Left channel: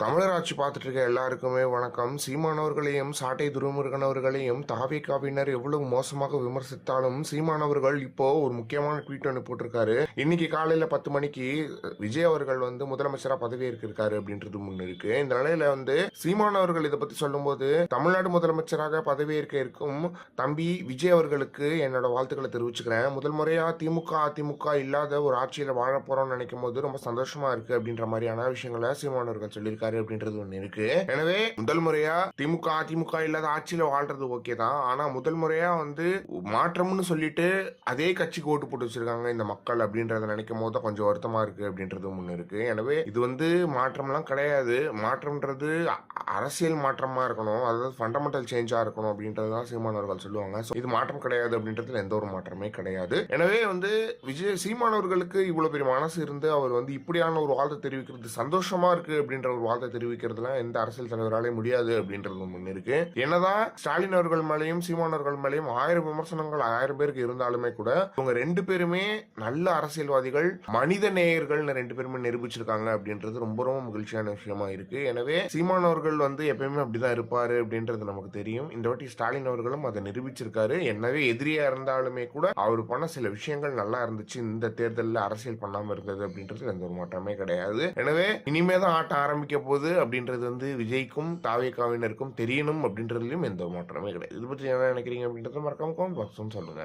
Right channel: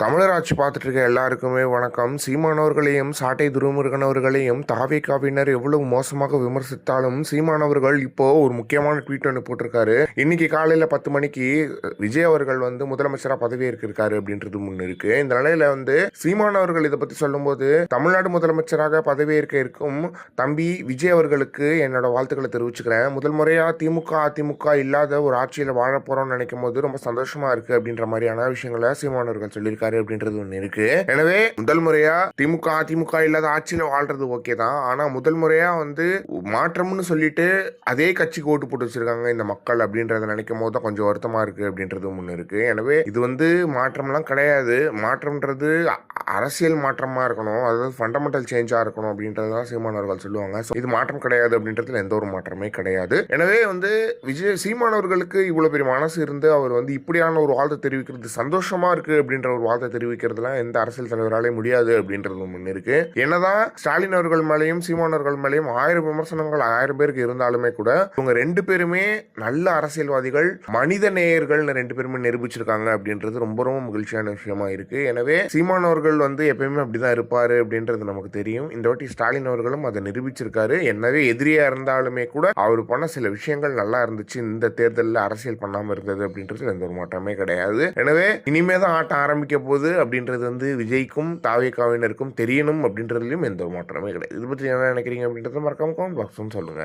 தமிழர் ஆட்சி பார்த்துட்டு இருக்க எல்லாருக்குமே வணக்கம். சீமானவர்களையும் சாட்டை துரைமுருகன் அவர்களையும் தாவேகாவினர் எவ்வளவு மோசமாக விமர்சித்தாலும் சீமானவர்கள் இப்போ ஒரு முக்கியமான ட்வீட் ஒன்று போட்டிருக்காரு. இன்னைக்கு காலையில 10 மணிக்கு விஜய் அவர்கள் முதலமைச்சரா பதவியேற்கிருக்காரு அப்படின்றது முன்னு இருக்கு. இந்த நிலையில சீமானவர்கள் இதை பத்தி சொல்லும்போது, தமிழ்நாடு முதலமைச்சராக பதவியேற்க இருக்கும் தம்பி விஜய் அவர்களுக்கு என்னோட வாழ்த்துக்களை தெரிவிச்சுக்கிறேன். முதல் முறையா திமுக அதிமுக இல்லாத ஒரு ஆட்சியில வாழ போறோம்னு நினைக்கும் போது ரொம்ப சந்தோஷமா இருக்கு அப்படின்ற மாதிரியான விஷயங்களை சீமானவர்கள் சொல்லியிருக்காரு அப்படின்றது ஒண்ணு இருக்கு. எனவே முதல் முறையா திமுக அதிமுக இல்லாத ஆட்சியில வாழ்றது ஓகே தான். ஆனா முதல் முறையா மாற்றம்னு சொல்லிட்டு அதே கட்சிக்கு ஓட்டு போட்டு வச்சிருக்காங்க இந்த மக்கள் அப்படின்றத நினைக்கும் போது கொஞ்சம் வருத்தமா இருக்கு அப்படின்றது ஒண்ணு இருக்கு. எனவே இது மாற்றம்லாம் கிடையாது. மாற்றம்ன்றது அரசியல் மாற்றமா இருக்கணும், அதாவது ஃபண்டமெண்டல் சேஞ்சா இருக்கணும் அப்படின்றதுதான் சீமானவர்கள் சொல்லுவாங்க. இது மாற்றம் கிடையாது அப்படின்றதுல எந்த ஒரு மாற்றமே கிடையாது. எனவே விஜய் சீமானவர்களுக்கு இவ்வளவு பெரிய மனசு இருந்து அவர் இப்படியான ஒரு வாழ்த்தை தெரிவிக்கிறது சந்தோஷமா இருக்கு அப்படின்ற ஒரு வாழ்த்தை தெரிவிக்கிறதுலாம் எந்த அரசியல் தலைவராலே முடியாது அப்படின்றது ஒண்ணு இருக்கு. என்னதான் ஸ்டாலின் அவர்கள் மேலேயும் சீமானவர்கள் மேலேயும் 1000 விமர்சனங்கள் 1000 பேருக்கு இருந்தாலுமே கூட இவங்க 2 பேருமே நல்ல அரசியல்வாதிகள், மனித நேயர்கள்னு 2 பேருமே நிரூபிச்சிருக்காங்க அப்படின்றது ரொம்ப ரொம்ப மகிழ்ச்சியான விஷயமா இருக்கு. எனவே சீமானவர்கள் எப்பயுமே அப்படிதான் இருப்பாரு அப்படின்றது நமக்கு தெரியும். இந்த வாட்டி ஸ்டாலின் அவர்களும் அதை நிரூபிச்சிருக்காரு. என்னவே எதிரியா இருந்தாலுமே கூட அவர் பண்ண சில விஷயங்கள் நல்லா இருந்துச்சு. இந்த தேர்தலில் அரசியல் பண்ணாம இருந்தது அப்படின்றது எந்த ஒரு மாற்றமே கிடையாது. எனவே இனிமேதான் ஆட்டம் ஆரம்பிக்க போகுது அப்படின்றது விஜய்க்கும் தாவேகாவினருக்கும் தெரியணும் அப்படின்றதுலயும் எந்த ஒரு மாற்றமே கிடையாது. இது பற்றி என்ன நினைக்கிறீங்க அப்படின்றத மறக்காம கமெண்ட் பாக்ஸ் சொல்லுங்க.